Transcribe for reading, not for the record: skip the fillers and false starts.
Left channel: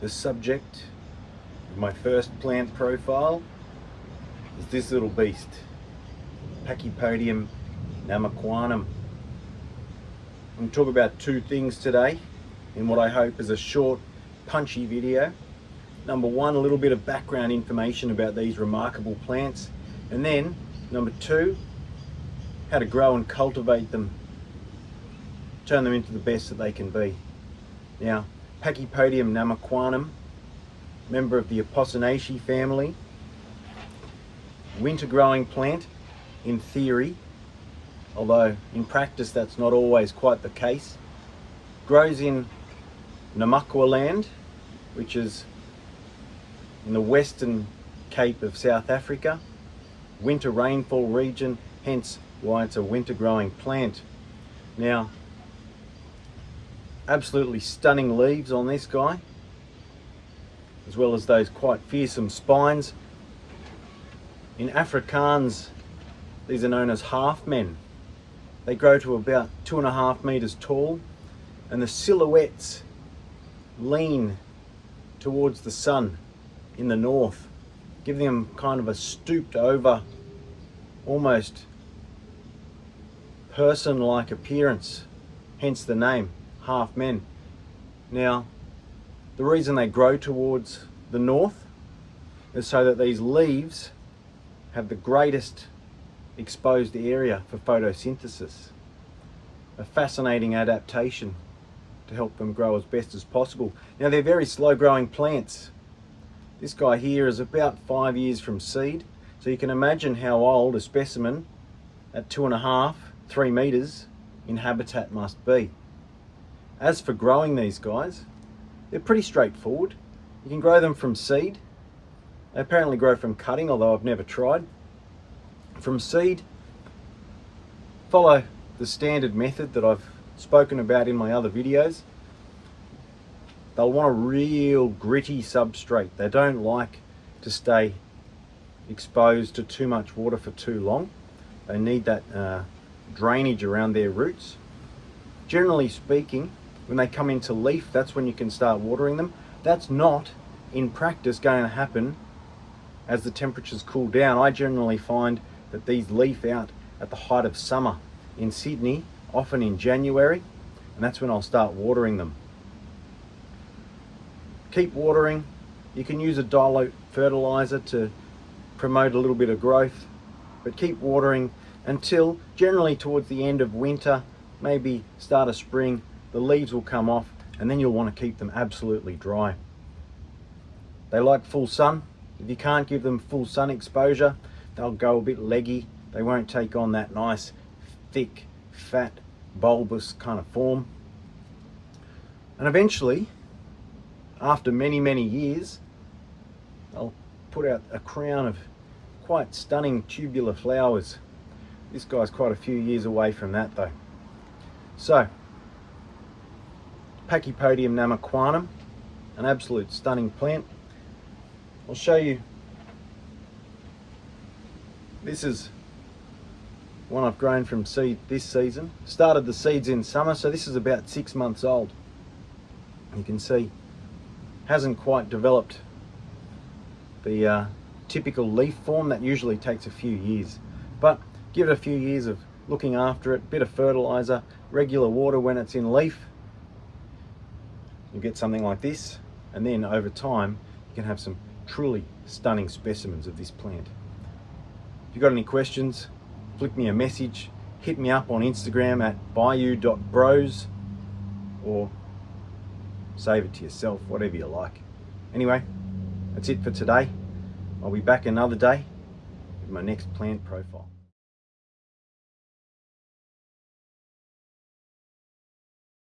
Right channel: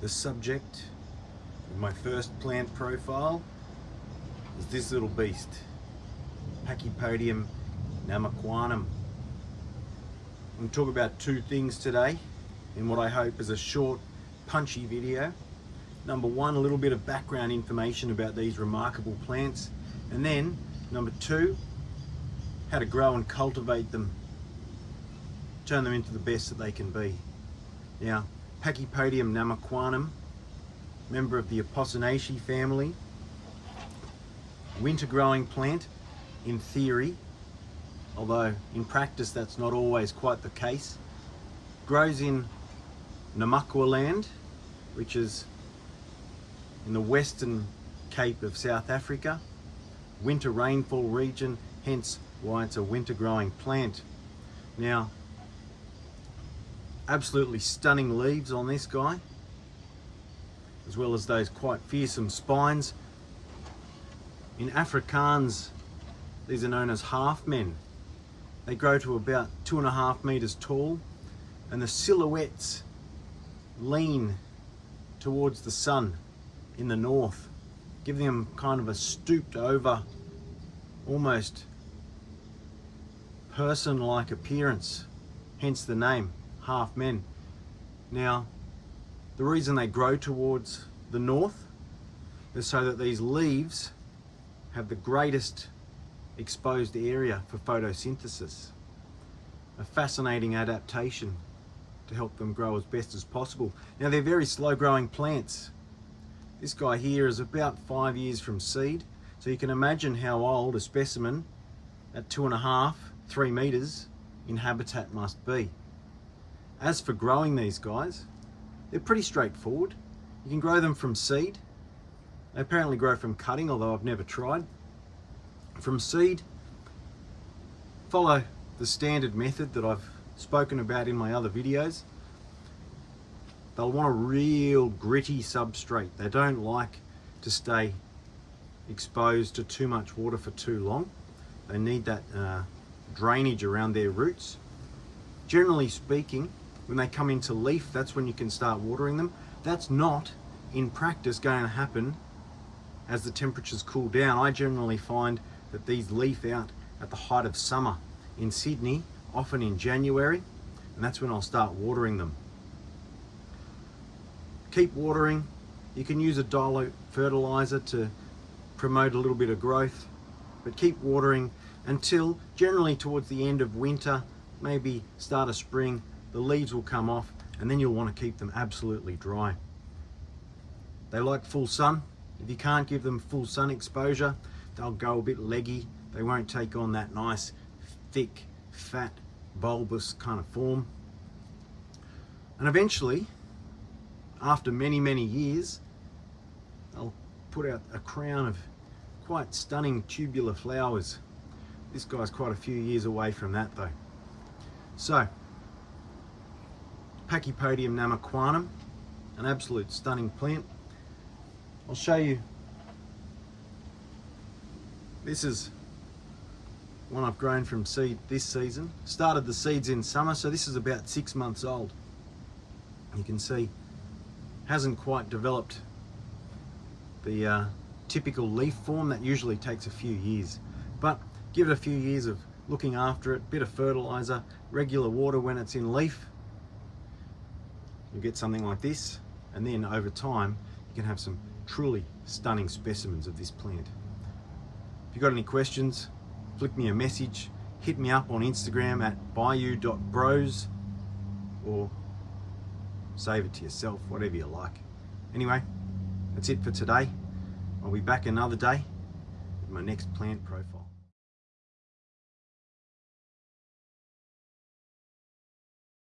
The subject of my first plant profile is this little beast, Pachypodium namaquanum. I'm going to talk about two things today in what I hope is a short, punchy video. Number one, a little bit of background information about these remarkable plants, and then number two, how to grow and cultivate them, turn them into the best that they can be. Now, Pachypodium namaquanum, member of the Apocynaceae family, winter growing plant in theory, although in practice that's not always quite the case. Grows in Namaqualand, which is in the western Cape of South Africa, winter rainfall region, hence why it's a winter growing plant. Now, absolutely stunning leaves on this guy, as well as those quite fearsome spines. In Afrikaans, these are known as half men. They grow to about 2.5 meters tall, and the silhouettes lean towards the sun in the north, giving them kind of a stooped over, almost person-like appearance, hence the name, half men. Now, the reason they grow towards the north is so that these leaves have the greatest exposed area for photosynthesis. A fascinating adaptation to help them grow as best as possible. Now, they're very slow growing plants. This guy here is about 5 years from seed, so you can imagine how old a specimen at 2.5, 3 meters in habitat must be. As for growing these guys, they're pretty straightforward. You can grow them from seed. They apparently grow from cutting, although I've never tried. From seed, follow the standard method that I've spoken about in my other videos. They'll want a real gritty substrate. They don't like to stay exposed to too much water for too long. They need that drainage around their roots. Generally speaking, when they come into leaf, that's when you can start watering them. That's not, in practice, going to happen as the temperatures cool down. I generally find that these leaf out at the height of summer in Sydney, often in January, and that's when I'll start watering them. Keep watering. You can use a dilute fertilizer to promote a little bit of growth, but keep watering until generally towards the end of winter, maybe start of spring. The leaves will come off, and then you'll want to keep them absolutely dry. They like full sun. If you can't give them full sun exposure, they'll go a bit leggy. They won't take on that nice, thick, fat, bulbous kind of form. And eventually, after many, many years, they'll put out a crown of quite stunning tubular flowers. This guy's quite a few years away from that though. So, Pachypodium namaquanum, an absolute stunning plant. I'll show you. This is one I've grown from seed this season. Started the seeds in summer, so this is about 6 months old. You can see, hasn't quite developed the typical leaf form. That usually takes a few years, but give it a few years of looking after it, bit of fertilizer, regular water when it's in leaf, you get something like this, and then over time you can have some truly stunning specimens of this plant. If you've got any questions, flick me a message, hit me up on Instagram at bayou.bros, or save it to yourself, whatever you like. Anyway, that's it for today. I'll be back another day with my next plant profile.